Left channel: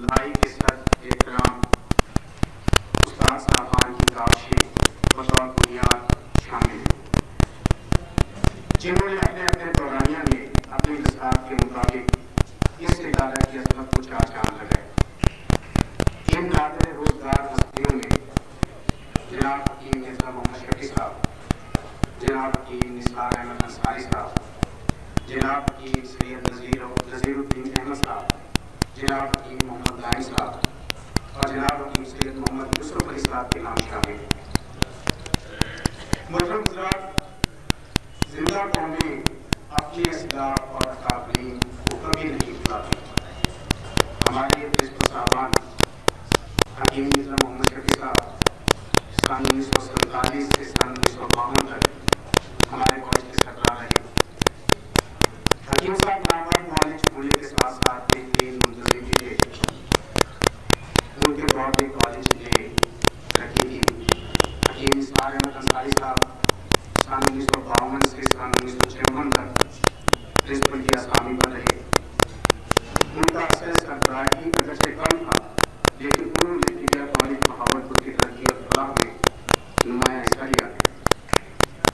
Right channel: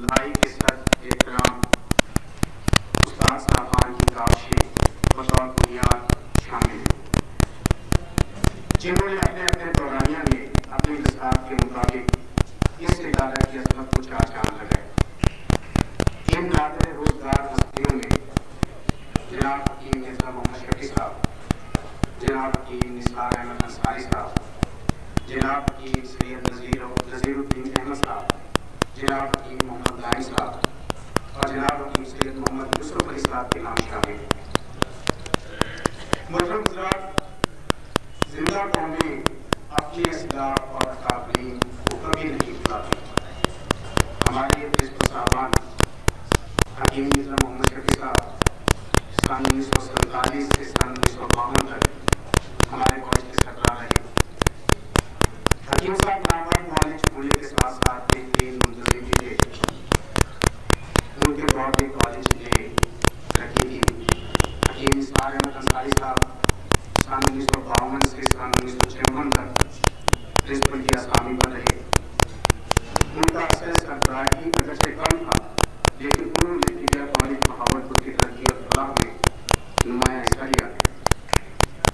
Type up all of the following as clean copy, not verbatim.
لائی کے ساتھ احترام استاد صاحبان کی کاوشیں بطور بنیاد شامل ہیں، جنہوں نے اپنے اپنے دورانیہ میں اپنی دستاویز کے مطابق اس ادارہ کی عظمت کو چار چاند لگائے۔ ان نادر روزگار ہستیوں میں جناب حکیم مرزا محمد شفیع صاحب، جناب حکیم نثار احمد انصاری صاحب، جناب حکیم سید نذیر الدین احمد صاحب، جناب حکیم محمد لائن صاحب اور جناب حکیم سید محمد یوسف علی صاحب کے نام شامل ہیں۔ محترم حضرات، زندہ قومیں اپنی اسلاف اور اکابرین کو کبھی نہیں بھلاتی۔ ہمارے پرنسپل صاحبان حکیم مرزا محمد شفیع صاحب سن 1947 سے سن 1952 تک ہمارے کالج کے سربراہ رہے۔ حکیم صاحب نامور معالج ہونے کے ساتھ ساتھ بہترین منتظم بھی تھے۔ ان کے دور میں کالج نے ترقی کی۔ حکیم نثار احمد انصاری صاحب سن 1952 سے سن 1956 تک پرنسپل کی اسامی پر رہے۔ ان کا اثر سربراہی اگرچہ کم تھا، لیکن انہوں نے طبیہ کالج بہاولپور کی ترقی اور فلاح میں نمایاں حصہ لیا۔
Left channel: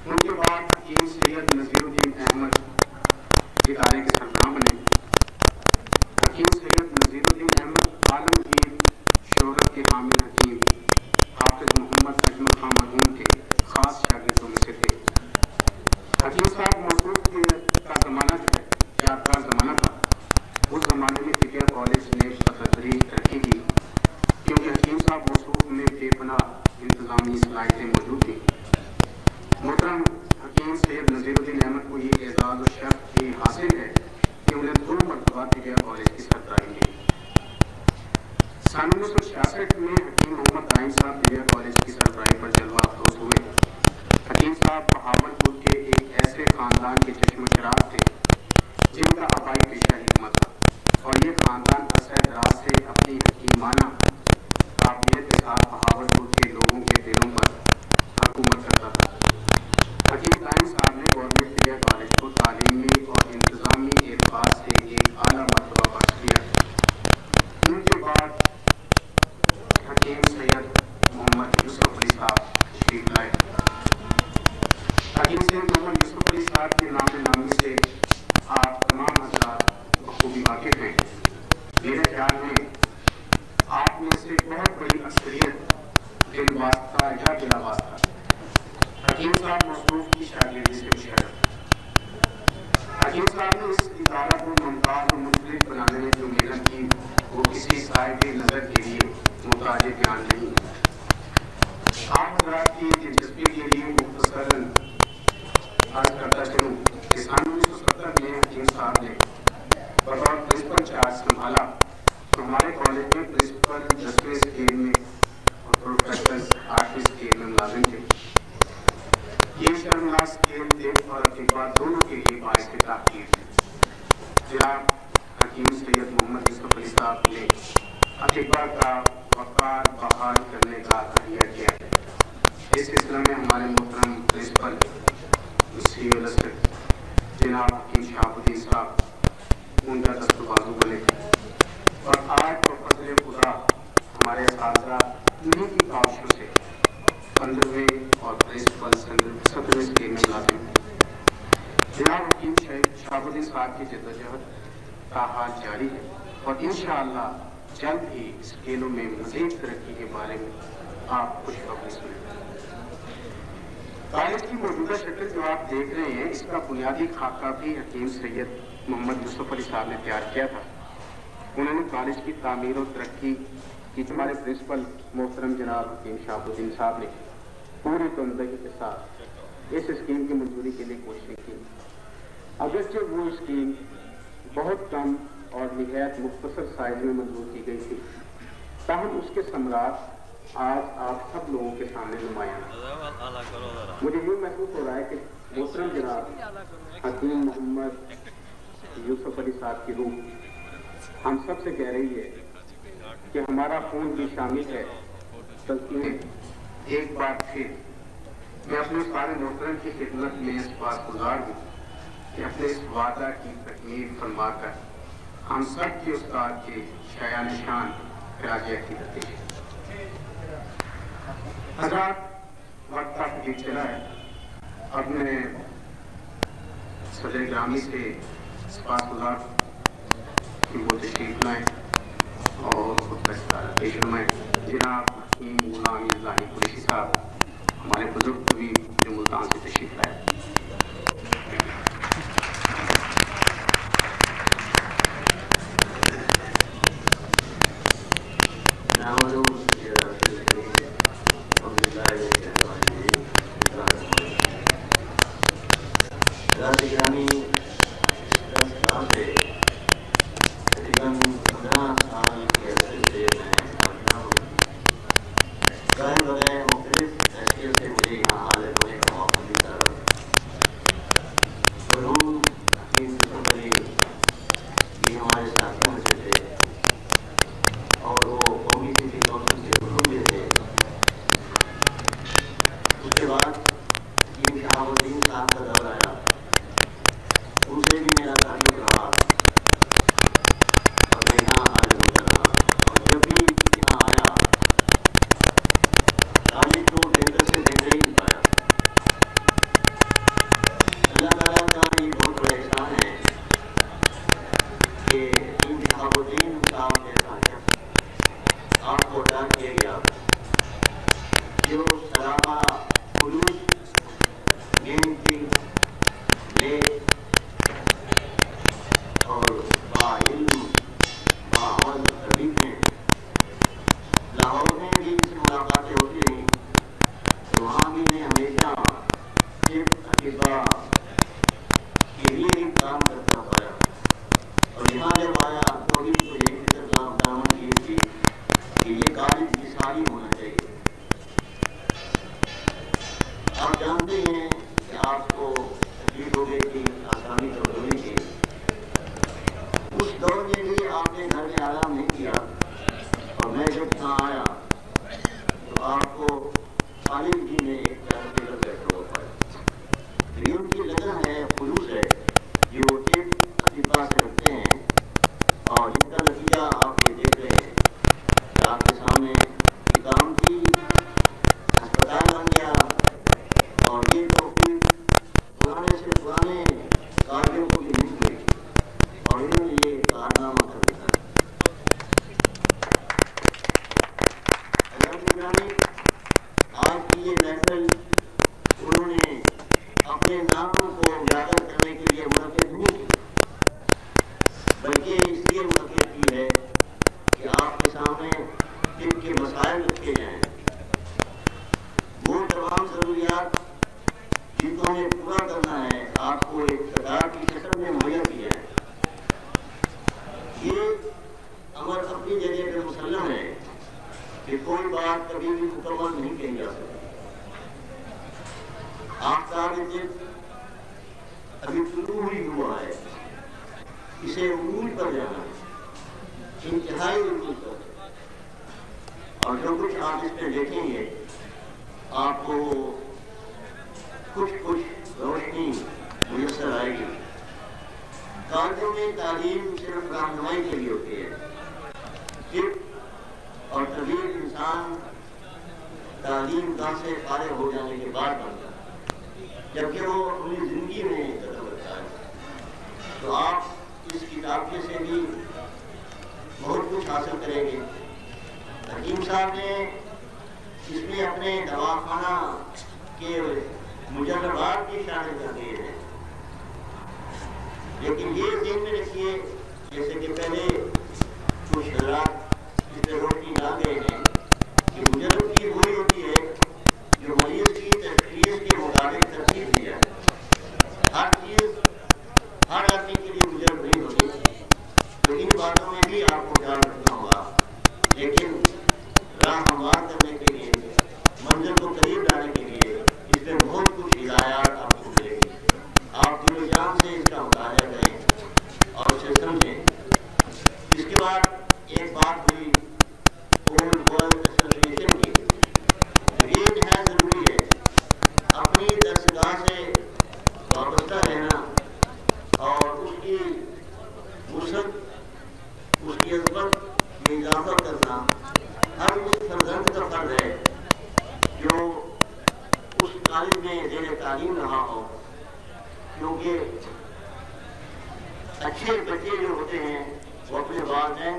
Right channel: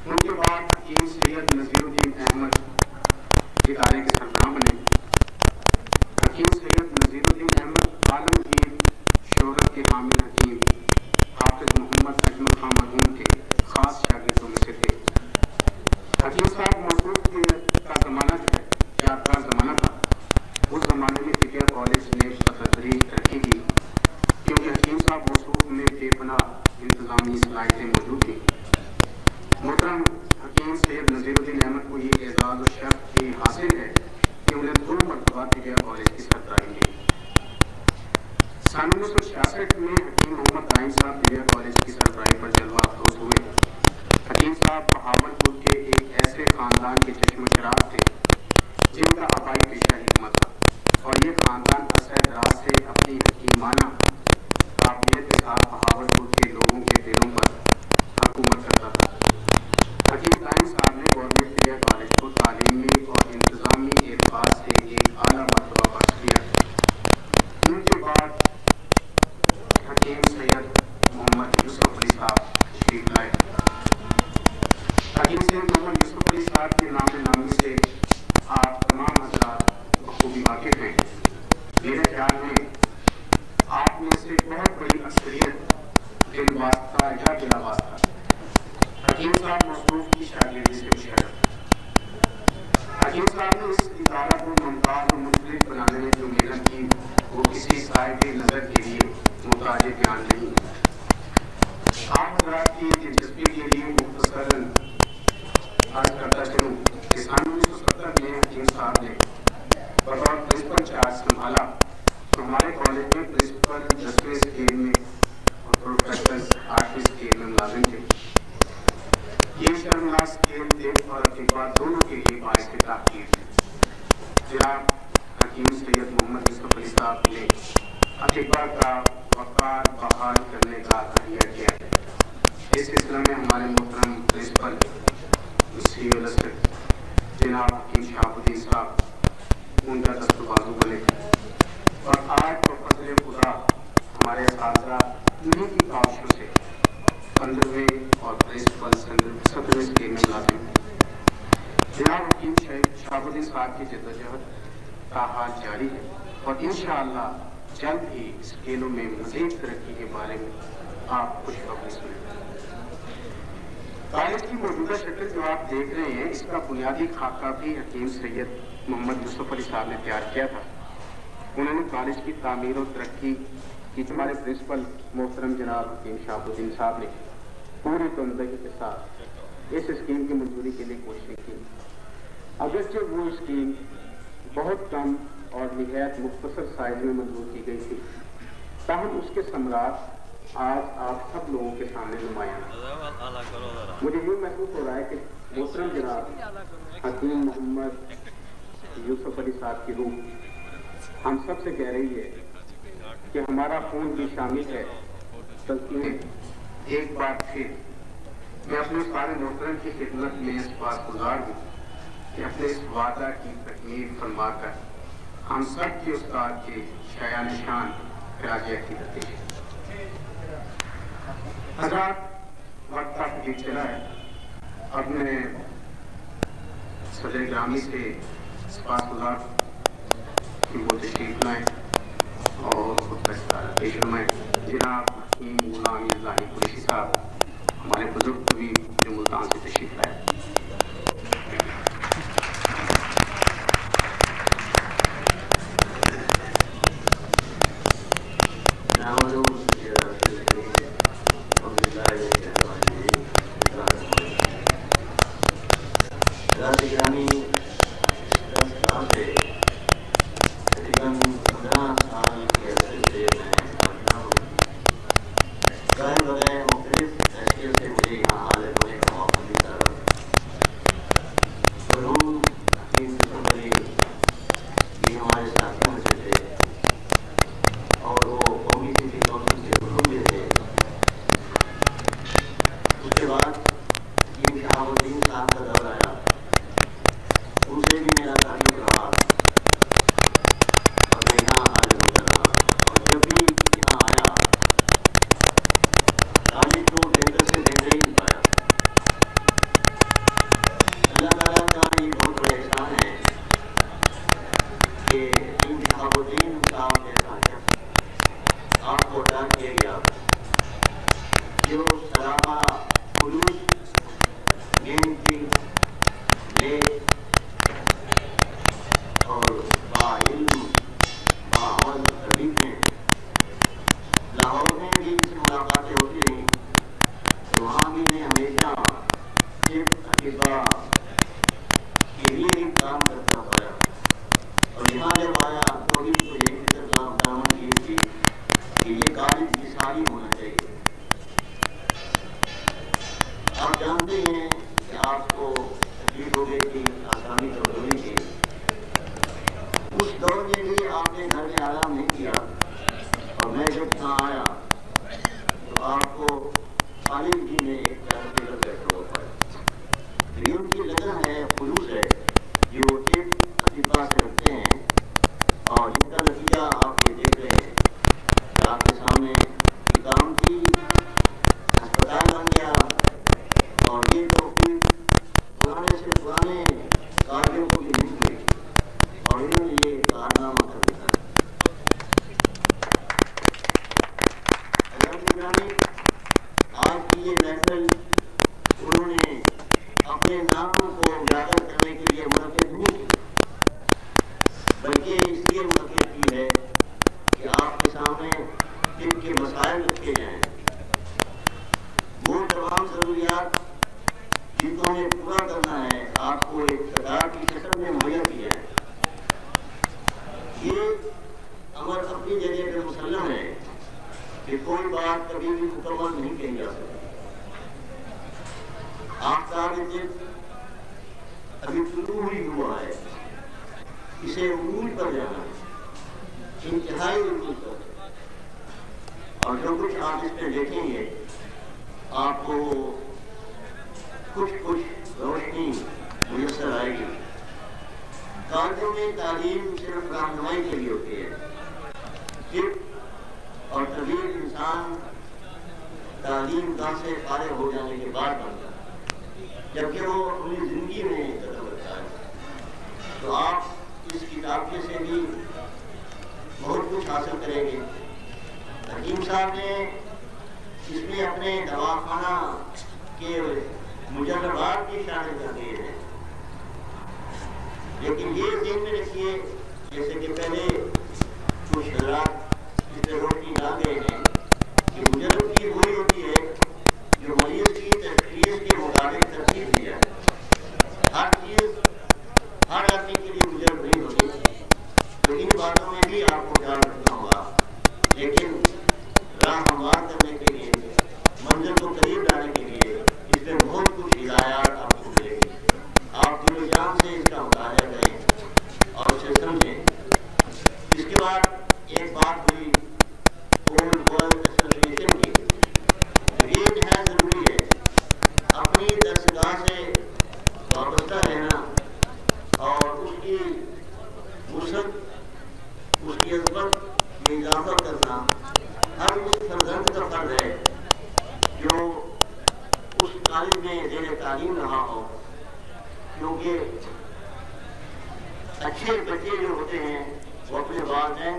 ان کے بعد حکیم سید نذیر الدین احمد ادارے کے سربراہ بنے۔ حکیم سید نذیر الدین احمد عالمگیر شہرت کے حامل حکیم حافظ محمد اجمل خان مرحوم کے خاص شاگردوں میں سے تھے۔ حکیم صاحب موصوف کا زمانہ جو ہے یادگار زمانہ تھا۔ اس زمانے میں طبیہ کالج نے بتدریج ترقی کی، کیونکہ حکیم صاحب موصوف میں بے پناہ انتظامی صلاحیتیں موجود تھیں۔ محترم حکیم سید نذیر الدین احمد کو یہ اعزاز و شرف بھی حاصل ہے کہ انہیں 2 مرتبہ طبیہ کالج کی سربراہی ملی۔ سن 1966 میں حکیم محمد لائن صاحب طبیہ کالج کی سربراہی پر جلوہ افروز ہوئے۔ حکیم صاحب بہاولپور کے ایک ایسے خاندان کے چشم و چراغ تھے جن کا آبائی پیشہ حکمت تھا، اور یہ خاندان عرصہ دراز سے اپنی حکیمانہ قابلیت کے ساتھ بہاولپور کے لوگوں کے دلوں پر حکومت کرتا تھا۔ حکیم لائن صاحب نے گورنمنٹ طبیہ کالج کو تعلیمی اور انتظامی اعتبار سے ایک اعلیٰ مرتبہ بخش دیا۔ ان کے بعد حکیم سید محمد یوسف علی صاحب تشریف لائے۔ حکیم سید محمد یوسف علی صاحب کے نام نامی سے آپ تمام حضرات بخوبی واقف ہیں۔ میرے خیال میں آپ میں سے بہت بڑی اکثریت دل واسطہ یا بلا واسطہ حکیم صاحب موصوف کی شاگردی سے مشرف۔ حکیم صاحب نے اس ادارہ کو ممتاز و مختلف بنانے میں جو محنت کی وہ کسی صاحب نظر کے لیے محتاج بیان نہیں۔ آپ حضرات کی دلچسپی کے لیے مختصراً عرض کرتا چلوں کہ سن 1970 میں حکیم صاحب نے بطور پرنسپل چارج سنبھالا تو ہمارے کالج میں پرنسپل 10ویں اسکیل میں اور پروفیسر 8ویں اسکیل میں ملازم تھے۔ یہ شرمناک اسکیل دل اور اطباء دونوں کے لیے باعث تحقیر تھے۔ جناب حکیم سید محمد یوسف علی صاحب نے اطباء کا وقار بحال کرنے کا تہیہ کیا۔ اس سلسلے میں ہمارے محترم پرنسپل جناب حکیم شہاب الدین صاحب ان کا دست بازو بنے، اور آج بفضل خدا ہمارے اساتذہ انہیں کی کاوشوں سے 15ویں اور پرنسپل 17ویں اسکیل میں ملازم ہیں۔ جناب حکیم شہاب الدین صاحب کی جدوجہد تاحال جاری ہے، اور انشاءاللہ جلد ہی اسکیلوں میں مزید ترقی کے بارے میں آپ خوشخبری سنیں۔ کالج کی موجودہ شکل جو آپ دیکھ رہے ہیں، اس کا بنیادی خاکہ بھی حکیم سید محمد یوسف علی صاحب نے تیار کیا تھا۔ انہوں نے کالج کی تعمیر و ترقی کی ہمارے پرنسپل محترم جناب حکیم شہاب الدین صاحب نے پوری تندگی کے ساتھ اس اسکیم کی منظوری کے لیے کوششیں کی۔ اگرچہ وہ اسکیم بہت کم اور نہایت مختصر سائز میں منظور کی گئی تھی، تاہم اس کے ثمرات آج آپ سب لوگوں کے سامنے نمایاں ہیں۔ مجھے یہ محسوس ہو رہا ہے کہ محترم جناب حکیم محمد یوسف علی صاحب کی روح ہم سب سے کہہ رہی ہے کہ ہمارا خون بھی شامل ہے، بلکہ ایک بار پھر میں اپنے سارے محترم کی خدمت میں اس بات گزار ہوں کہ اپنے اس وعدہ کی تکمیل فرما کر ہم سب کے استاد کے شایع نشان خراج عقیدت پیش حضرات وقت تک یہ چلا ہے. اب میں صدر گرامی سے سپاسگزار کہ وہ تشریف لائیں اور خود استعارت پیش فرمائیں. جناب حکیم غلام لاہی قریشی صاحب ہمارے بزرگ طبیب جو ملتان سے تشریف لائے.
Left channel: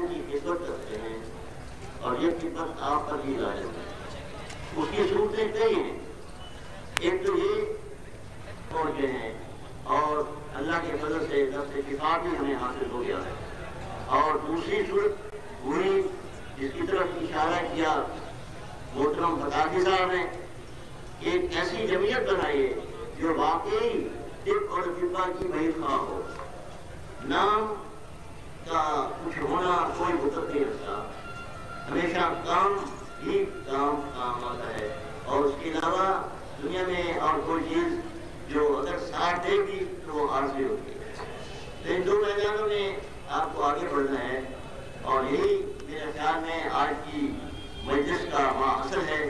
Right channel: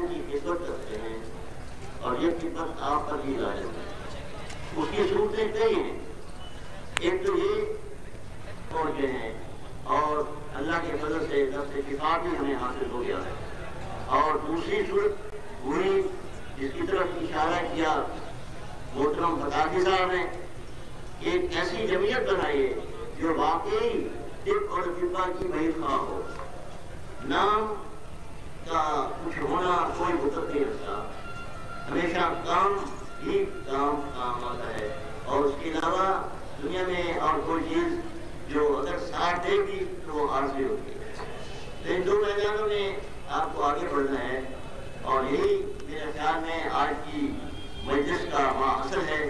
کی خدمت کرتے ہیں اور یہ خدمت آپ پر بھی لازم ہے. اس کی صورتیں کئی ہیں. ایک تو یہ پہنچے ہیں اور اللہ کے فضل سے دست شفا بھی ہمیں حاصل ہو گیا ہے. اور دوسری صورت وہی جس کی طرف اشارہ کیا محترم بطاقی صاحب نے، ایک ایسی جمعیت بنائیے جو واقعی طب اور طبا کی بہت خواہ ہو. نام کا کچھ ہونا کوئی وقت نہیں رکھتا، ہمیشہ کام ہی کام آتا ہے. اور اس کے علاوہ دنیا میں اور کوئی چیز جو اگر ساتھ دے گی تو وہ عارضی ہوتی ہے. تو ان دو میدانوں میں آپ کو آگے بڑھنا ہے اور یہی میرے خیال میں آج کی مجلس کا اصل ہے.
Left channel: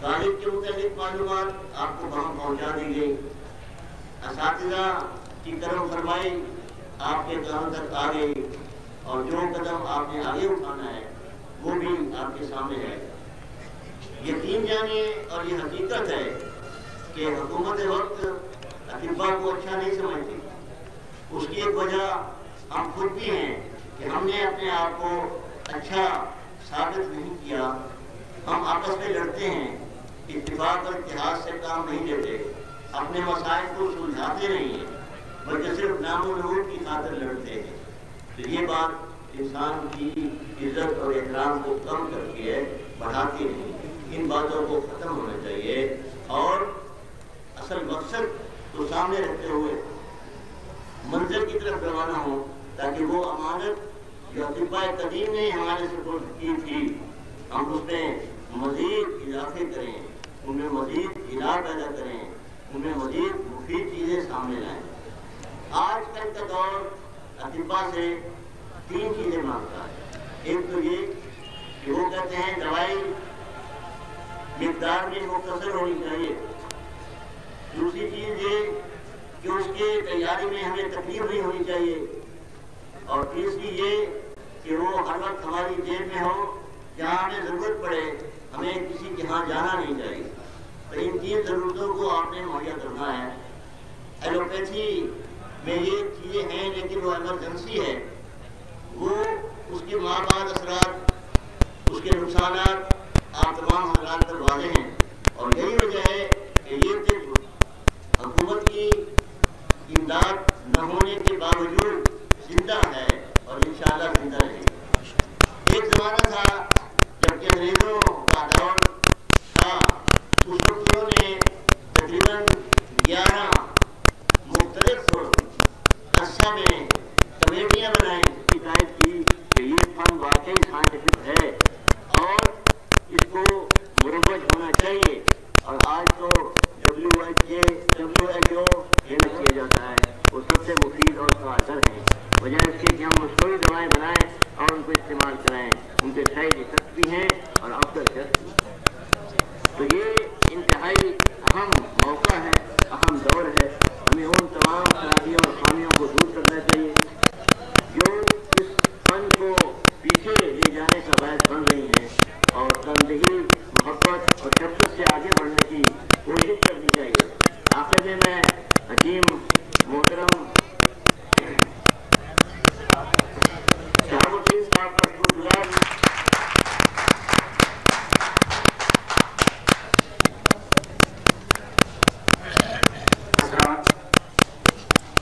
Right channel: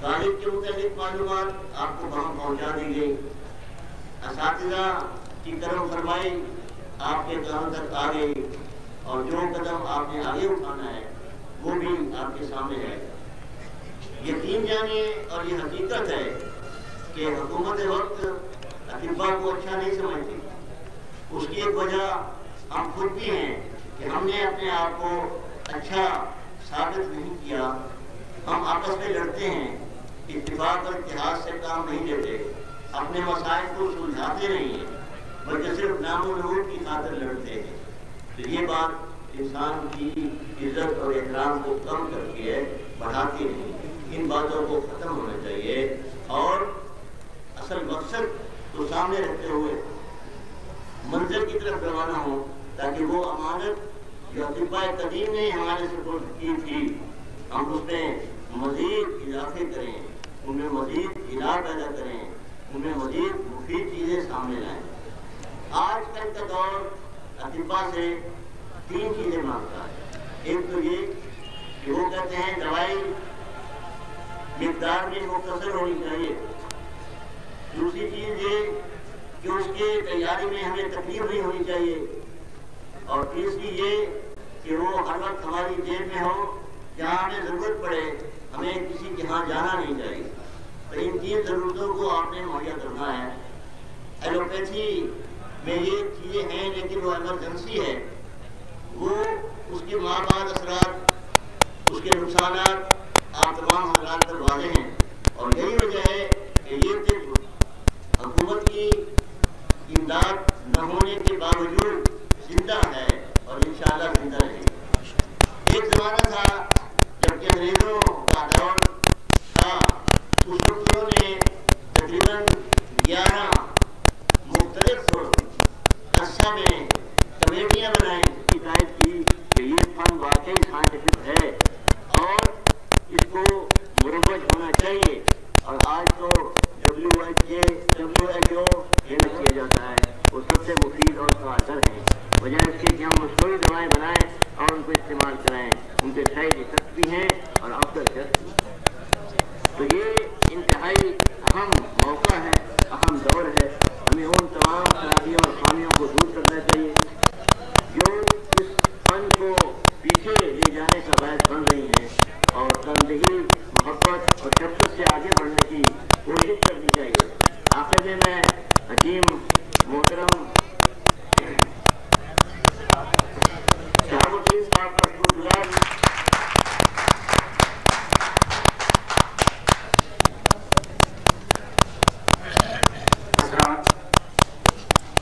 طالب کے متعلق معلومات آپ کو وہاں پہنچا دی گئی، اساتذہ کی کرم فرمائی آپ کے کام تک آ گئی، اور جو قدم آپ نے آگے اٹھانا ہے وہ بھی آپ کے سامنے ہے. یقین جانیے اور یہ حقیقت ہے کہ حکومت وقت اطباء کو اچھا نہیں سمجھتی. اس کی ایک وجہ ہم خود بھی ہیں کہ ہم نے اپنے آپ کو اچھا ثابت نہیں کیا. ہم آپس میں لڑتے ہیں، اتفاق اور اتحاد سے کام نہیں لیتے، اپنے مسائل کو سلجھاتے نہیں ہیں، بلکہ صرف نام و نمود کی خاطر لڑتے ہیں. تو یہ بات انسان کی عزت اور احترام کو کم کرتی ہے، بڑھاتی نہیں. ان باتوں کو ختم ہونا چاہیے اور اصل مقصد کو سامنے رکھتے ہوئے منزل کی طرف روانہ ہو، تاکہ وہ امانت جو اطباء قدیم نے ہمارے سپرد کی تھی ہم اس میں مزید اضافے کریں، ان میں مزید علاج پیدا کریں، ان میں مزید مفید چیزیں سامنے لائیں. آج کل کا دور اطباء سے 3 چیزیں مانگتا ہے. ایک تو یہ کہ وہ کہتے ہیں دوائی مقدار میں مختصر ہونی چاہیے. دوسری چیز یہ کہ اس کے تیاری میں ہمیں تکلیف نہیں ہونی چاہیے. اور تیسری یہ کہ وہ ہر وقت ہماری جیب میں ہو، جہاں ہمیں ضرورت پڑے ہمیں کسی کے ہاں جانا نہیں چاہیے. تو ان 3 ضرورتوں کو آپ نے مہیا کرنا ہے. ایلوپیتھی میں یہ چیزیں ہیں لیکن وہ ایمرجنسی ہے، وہ اس کے مابعد اثرات، اس کے نقصانات آپ تمام حضرات پر واضح ہیں. اور یہی وجہ ہے کہ یہ طب حکومت کی امداد نہ ہونے کے باوجود زندہ ہے اور انشاءاللہ زندہ رہے گا. ایک زمانہ تھا جب کہ انگریزوں کا دور تھا، اس وقت انہوں نے تقریباً 11 مختلف عرصہ میں کمیٹیاں بنائیں، ہدایت کی کہ یہ فن واقعی سائنٹیفک ہے اور اس کو مروج ہونا چاہیے. اور آج تو WHO یہ کیا جاتا ہے وہ سب سے مفید اور کارگر ہیں، بجائے اس کے کہ ہم مصنوعی دوائیں بنائیں اور ان کو استعمال کرائیں. ان کے سائڈ افیکٹ بھی ہیں اور آفٹر افیکٹ بھی. تو یہ انتہائی اہم موقع ہے، اہم دور ہے. ہمیں ان تمام خرابیوں اور خامیوں کو دور کرنا چاہیے جو اس فن کو پیچھے لے جانے کا باعث بن رہی ہیں، اور تندہی، محبت اور شفقت سے آگے بڑھنے کی کوشش کرنی چاہیے. آخر میں حکیم محترم شہاب الدین صاحب کا شکرگزار ہوں.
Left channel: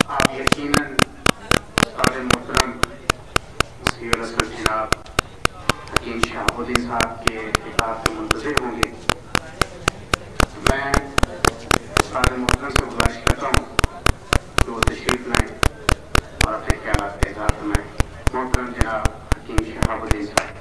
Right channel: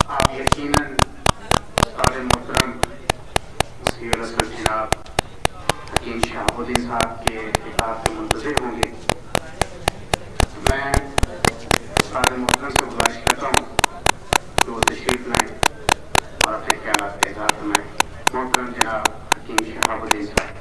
آپ یقیناً استاد محترم مفتی رسول جناب حکیم شہاب الدین صاحب کے خطاب سے منتظر ہوں گے. میں استاد محترم سے گزارش کرتا ہوں کہ وہ تشریف لائیں اور اپنے خیالات کا اظہار فرمائیں. محترم جناب حکیم شہاب الدین صاحب.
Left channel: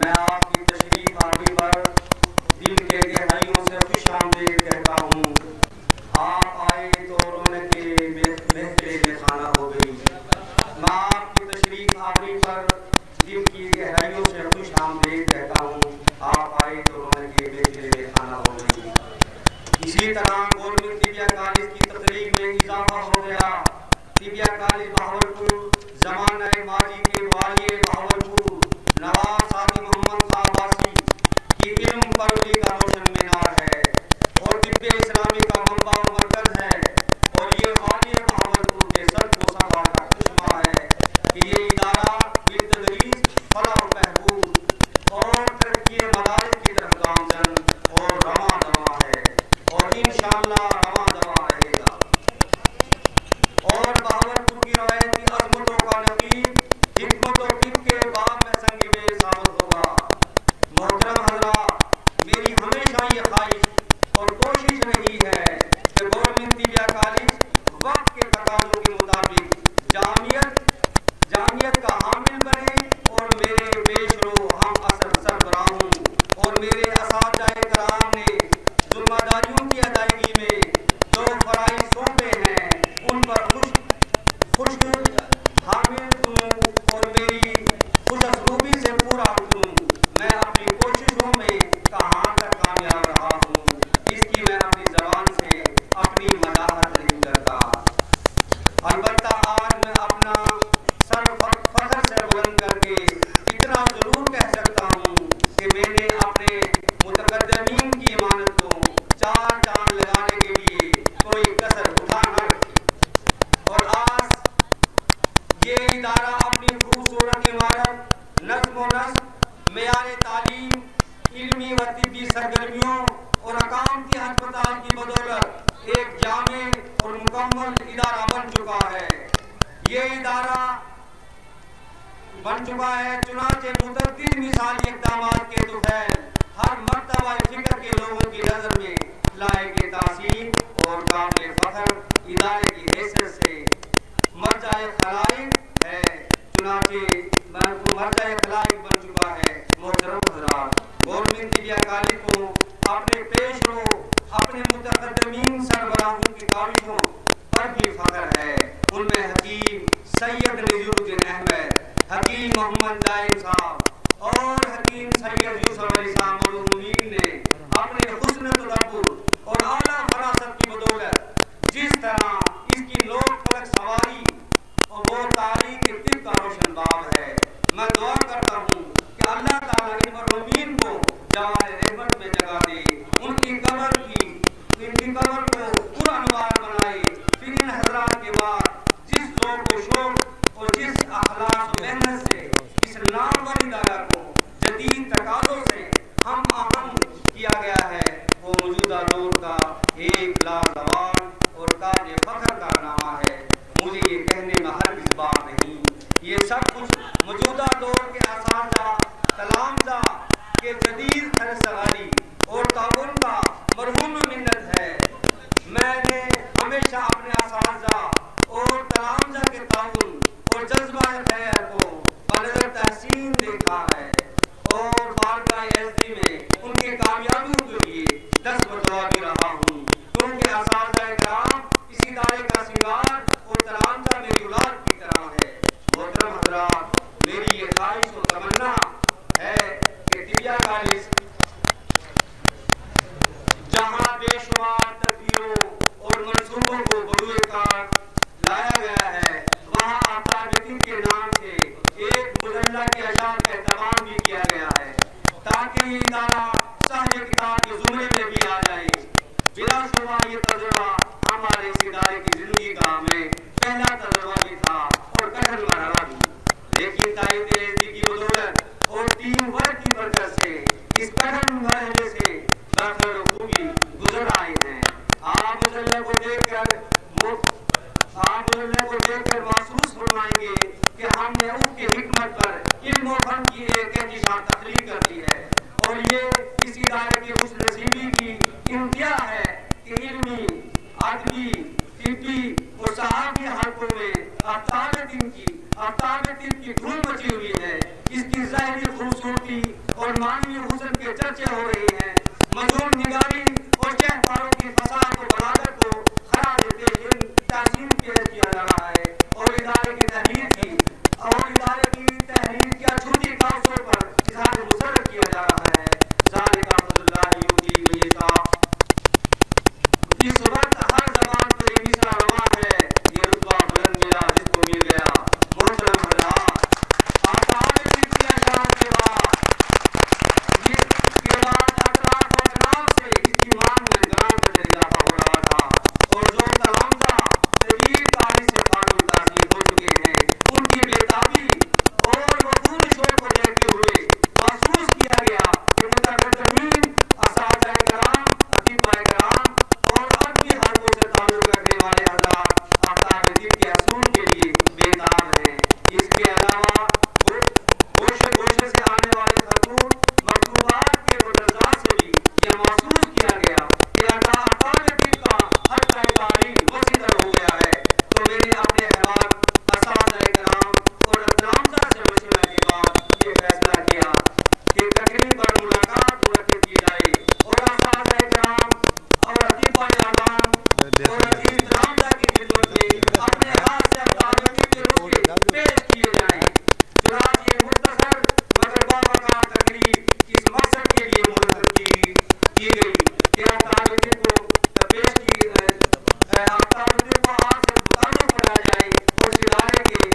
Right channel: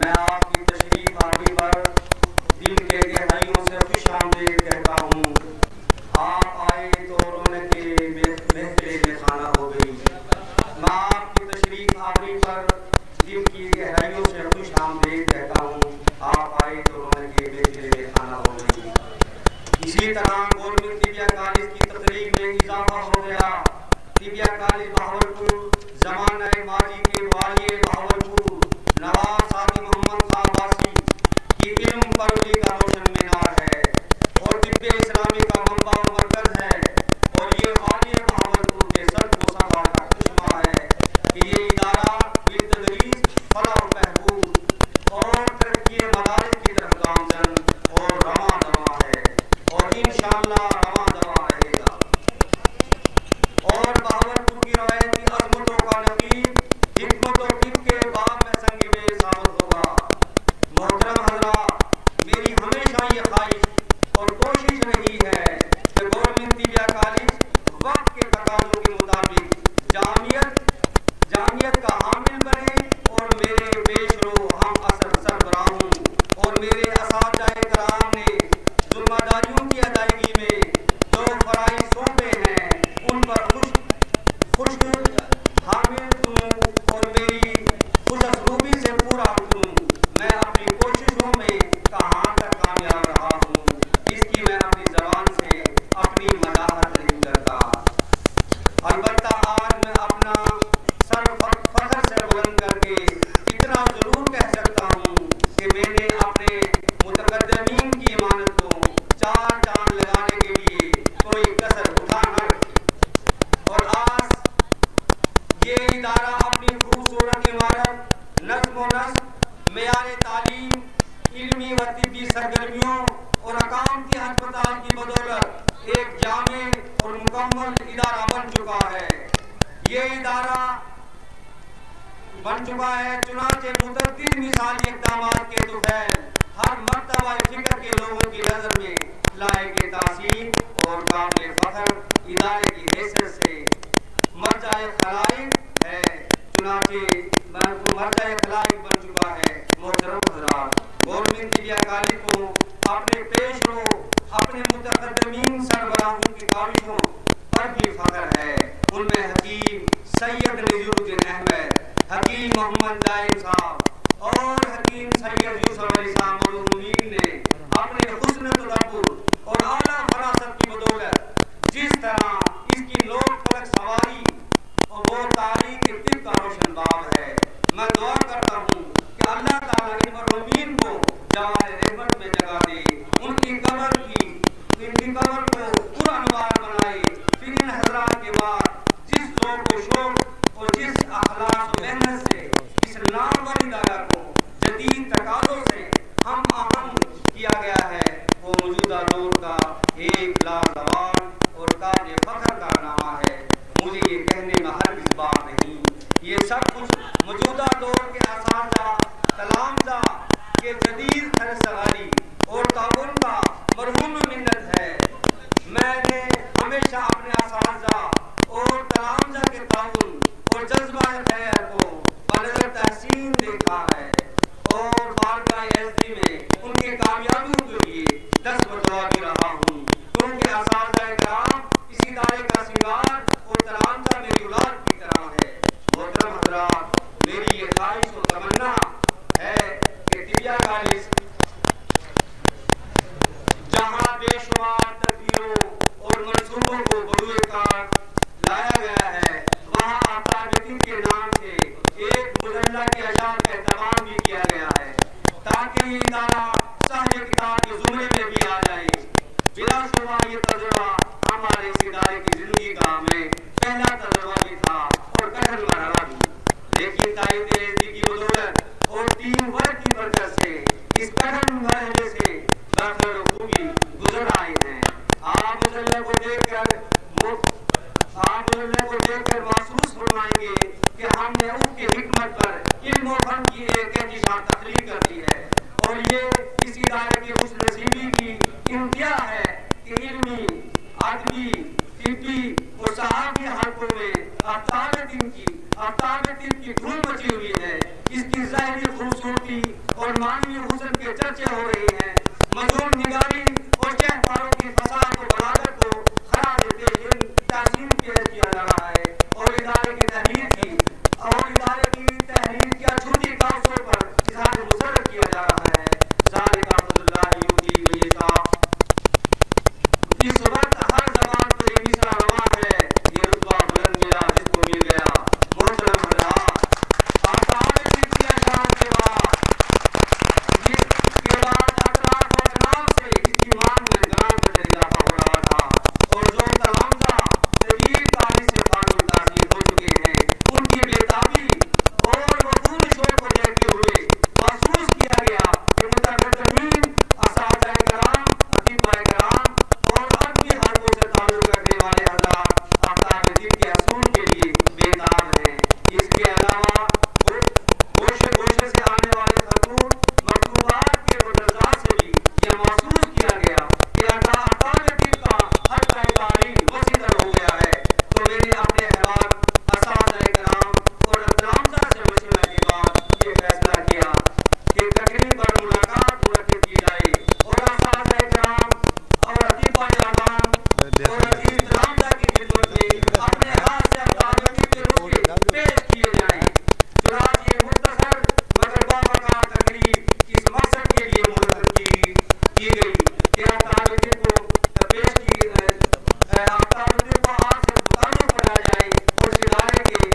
میں کالج بہاولپور زمانہ ماضی کے والی بہاولپور نواب سعدی محمد خان عباسی کی علم پروری کا روشن مینار ہے اور طب اسلامی کا منبع و مرکز ہے، اور یہ والی بہاولپور کے سر کو سنبھال کا چشمہ ہے کہ یہ ادارہ بالتدریج فلاح و بہبود اور ترقی مدارس کی طرف گامزن اور رواں دواں ہے، اور انشاءاللہ رواں دواں رہے گا، اور بہاولپور کی روایتی عظمتوں کا نقیب حکمت و طب کے باب میں سنگ میل ثابت ہوگا۔ محترم حضرات، میری ہمیشہ یہ خواہش اور کوشش رہی ہے کہ گورنمنٹ طبیہ کالج وقت کے تقاضوں کے مطابق جامعیت کا حامل بنے، اور میرے پیش رو ہم اثر سربراہوں اور میرے اساتذہ کرام نے ذمہ داریوں کی ادائیگی میں جو فرائض سونپے ہیں ان پر خوش حامل ہوں اور میری خوش اسلوبی سے پورا ہوں۔ میں اپنی کوششوں میں کہاں تک کامیاب رہا ہوں اس کی میں اپنی زبان سے اپنی مداحت نہیں کرتا، البتہ آج میں اپنا سر فخر سے بلند کر کے اتنا ضرور کہہ سکتا ہوں کہ میں نے اپنے متقدمین کی امانت کو چار چاند لگانے کے لیے کوئی کسر اٹھا نہ رکھی، اور آج یہ ادارہ اپنی خوبصورت عمارت، نظم و نسق، معیار تعلیم، علمی و طبی سرگرمیوں اور اقام کے ہسپتال کی بدولت ایک جامع اور مکمل ادارہ بن چکا ہے۔ یہ ادارہ بن چکا ہے، چنانچہ متعدد مثالی اقدامات کے طفیل ہر مرتبہ فکر کے لوگوں کی نظر میں لائق تحسین اور قابل فخر ادارے کی حیثیت سے مرجع خلائق ہے، چنانچہ مرجع خلائق بن چکا ہے۔ محترم حضرات، گورنمنٹ طبیہ کالج کو اپنے پیش رو اپنے متقدمین سربراہوں کی کاوشوں پر بھی فخر ہے۔ ان میں حکیم سید نذیر الدین احمد، حکیم محمد دائم صاحب اور حکیم سید یوسف علی صاحب مرحومین نے اپنے حسن تدبر اور اعلیٰ فراست کی بدولت جس طرح اس کی لوک فلک سواری اور وہ تاریخ طب کا روشن باب ہے، میں دعا کرتا ہوں کہ اللہ تعالیٰ ان مرحومین کو جوار رحمت میں جگہ دے، ان کی قبر کو پورا انوار بنائے، پھر ان حضرات کے بعد جس ذوق و شوق اور جس اخلاص و محنت سے اس نامور ادارہ کو جدید تقاضوں سے ہم آہنگ کیا گیا ہے، وہ موجودہ دور کا ایک لازوال اور قابل فخر کارنامہ ہے۔ مجھے یہ کہنے میں ہرگز بات نہیں، یہ سب کچھ موجودہ دور کے اساتذہ تلامذہ کے جدید خرسغاری اور تعاون کا مرہون منت ہے۔ میں نے ہمیشہ اپنے اساتذہ اور تلامذہ کے تعاون اور جذبہ خیر کو بنظر تحسین دیکھا ہے، اور بارگاہ عزتی میں ان کی کامیابیوں کے لیے دست بدعا بھی رہا ہوں، کیونکہ اساتذہ کرام اس ادارے کا سنگار اور تلامذہ میری اولاد کی طرح ہے۔ محترم حضرات، میری یہ خواہش و تمنا ہے کہ طبیہ کالج جہاں بے شمار تدبیروں اور منصوبوں کو بروئے کار لایا گیا ہے، وہاں آفتاب طب کے نام سے ایک مجلہ کے اشعار کا اہتمام بھی کیا گیا ہے، تاکہ یہ ادارہ صاحب کتاب کے زمرے میں بھی آ جائے۔ بلا شبہ یہ تجربہ ہمارے اس ادارے کی زندگی کا ہمیں پہلا تجربہ بھی تھا اور کٹھن مرحلہ بھی، لیکن تائید عزتی کی بدولت اور ٹیم ورک کی برکت سے اس کٹھن مرحلے سے بخیر و خوبی گزر آئے ہیں۔ آپ مجلے کو دیکھ کر محسوس فرمائیں گے کہ ہم نے اس کی حکمت پر علم و فن کی ایک انتشار تخلیق کر دی ہے، اور یہ اس ادارے کی خوش نصیبی کی انتہا ہے کہ علمی، ادبی، طبی اور صحافی حلقوں میں آفتاب طب کی دھوم مچی ہوئی ہے۔ اس کی ظاہری خوبصورتی اور معنوی حسن کے چرچے ہو رہے ہیں، مضمون نگاری اور شہکاروں کی فساد و بلاغت کو خراج تحسین پیش کیا جا رہا ہے، اور ادارے کی تحریر کیا چھوٹی کاغذوں پر اظہار مسرت کیا جا رہا ہے۔ ذالک فضل اللہ یؤتی من یشاء۔ اس وقت ہر زبان پر یہ مصرع رواں ہے، یہ رتبہ بلند ملا جس کو اور عزیز تلامذہ کی خدمت میں اپنے ہاتھ سے تعلق کے روکے پیش کیے جائیں۔ چنانچہ یہ مختصر مگر باوقار تقریب اس مقصد کے لیے منعقد کی گئی کہ تعلق کو پیش کی تعلق کو ہاتھ سے متعلق بنایا جائے اور اس ادارے کے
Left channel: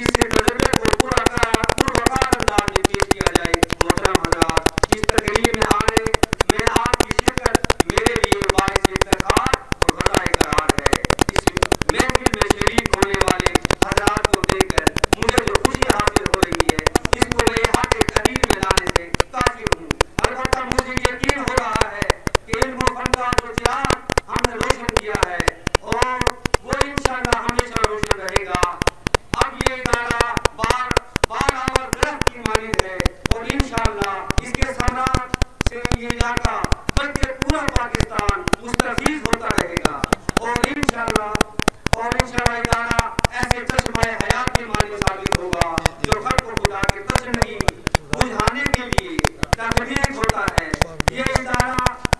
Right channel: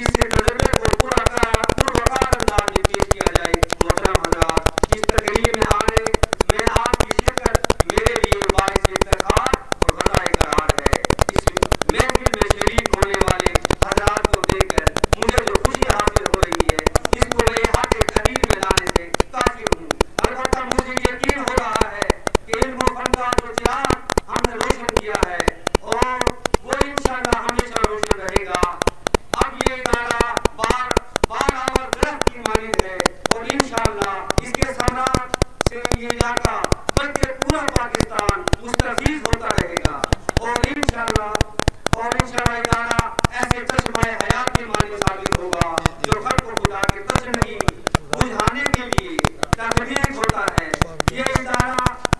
اس تجربے کو پروقار انداز میں پیش کیا جائے۔ محترم حضرات، اس تقریب میں آنے میں آپ کی شرکت میرے لیے باعث افتخار اور غذائے قرار ہے۔ اس محفل میں شریک ہونے والے حضرات کو دیکھ کر مجھے جو خوشی حاصل ہو رہی ہے اس کو میں حق قدیر میں لانے سے قاصر ہوں۔ البتہ مجھے یقین ہو رہا ہے کہ علم و فن کا جو چراغ ہم نے روشن کیا ہے اور وہ انشاءاللہ ہمیشہ روشن رہے گا۔ اب یہ ادارہ بار اور درخت کی مانند ہے اور انشاءاللہ اس کے ثمرات سے یہ علاقہ بلکہ پورا پاکستان مستفید ہوتا رہے گا اور انشاءاللہ ادارہ ایسے چشمہ حیات کی مانند ثابت ہوگا جو خلق و خدا کے تشنعی بجھانے کے لیے تخلیق ہوتا ہے۔ یہ ادارہ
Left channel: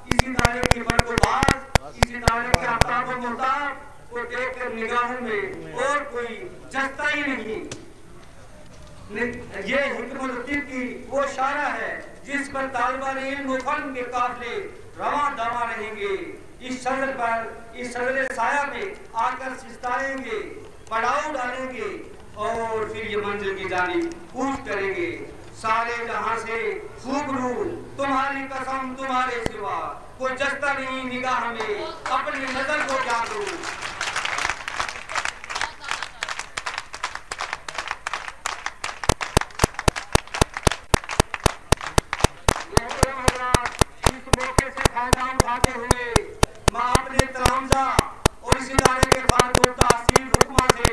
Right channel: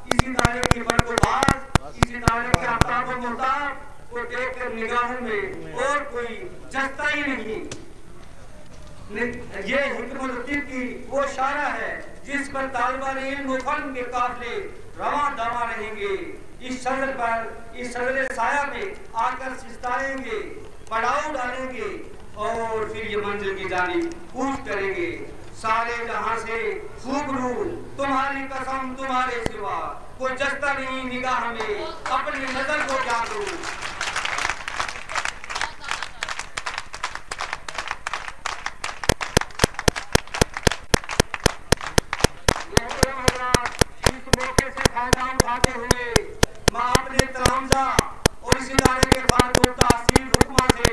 اس ادارے کی برق و باز، اس ادارے کے آفتاب و محتاب کو دیکھ کر نگاہوں میں اور کوئی جستا ہی نہیں۔ یہ حکمت الطب کی وہ شارہ ہے جس پر طالبان علم و فن کے قافلے رواں دواں رہیں گے، اس شجر سایہ میں آ کر سستائیں گے، پڑاؤ ڈالیں گے اور پھر یہ منزل کی جانب کوچ کریں گے۔ سارے جہاں سے خوب رو تمہاری قسم تمہارے سوا کوئی جستا نہیں نگاہ میں، اپنی نظر کو جاگو۔ اس موقع سے فائدہ اٹھاتے ہوئے میں اپنے تلامذہ اور اس ادارے کے فارغ التحصیل حکماں سے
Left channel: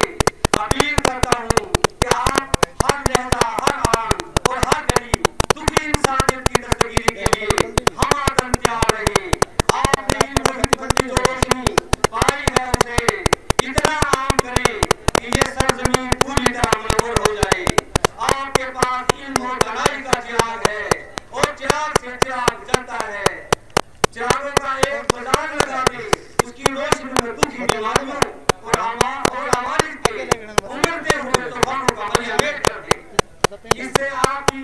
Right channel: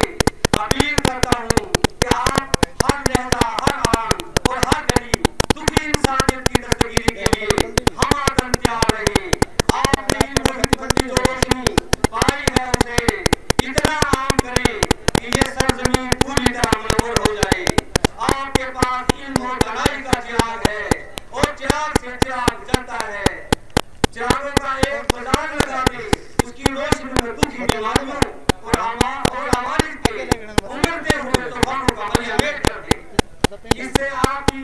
اپیل کرتا ہوں کہ آپ ہر لہجہ، ہر آن اور ہر گلی دکھی انسانیت کی دستگیری کے لیے ہم آدم تیار رہیں۔ آپ نے علم و حکمت کی جو روشنی پائی ہے اسے اتنا عام کریں کہ یہ سرزمین پوری طرح منور ہو جائے۔ آپ کے پاس علم و دانائی کا چراغ ہے اور چراغ سے چراغ جلتا ہے۔ چراغوں کا ایک بازار لگا دے، اس کی روشنی میں دکھی بیماریوں اور عوارض کے امڑتے ہوئے طوفانوں کا ملیمیٹ کر دے۔ اس سے آپ کی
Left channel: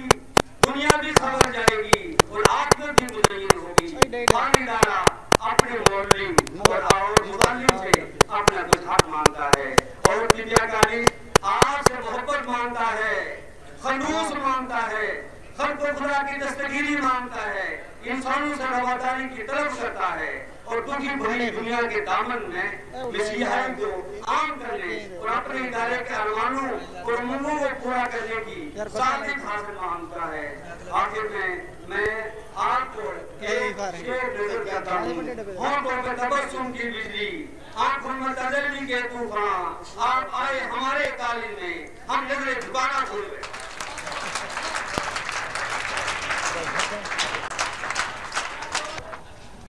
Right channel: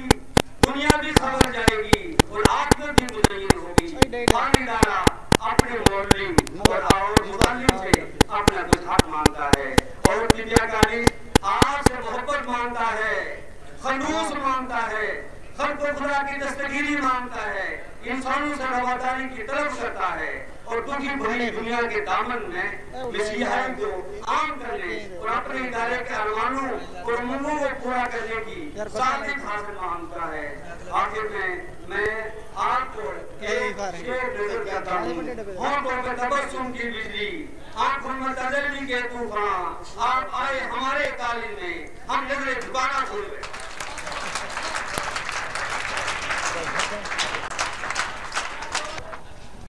دنیا بھی خبر جائے گی اور آخرت بھی مزین ہوگی۔ فن ادارہ اپنے مولوی اور متعلم سے اپنا کچھ حق مانتا ہے اور طبیہ کالج آپ سے محبت مانتا ہے، خلوص مانتا ہے، خلق و خدا کی دستگیری مانگتا ہے، انسانوں سے رواداری کی طلب کرتا ہے اور دکھی بھری دنیا کے دامن میں مسیحائی کو عام کرنے اور اپنے ادارے کے ارمانوں اور امنگوں کو پورا کرنے کی سعادت حاصل مانگتا ہے۔ آخر میں آپ کو ایک شعر نظر کرتا ہوں۔ ہونٹوں پہ تبسم کی بجلی، آنکھوں میں تجلی کے طوفان، آپ آئے ہمارے کالج میں، ہم نظریں جھکانا بھول گئے۔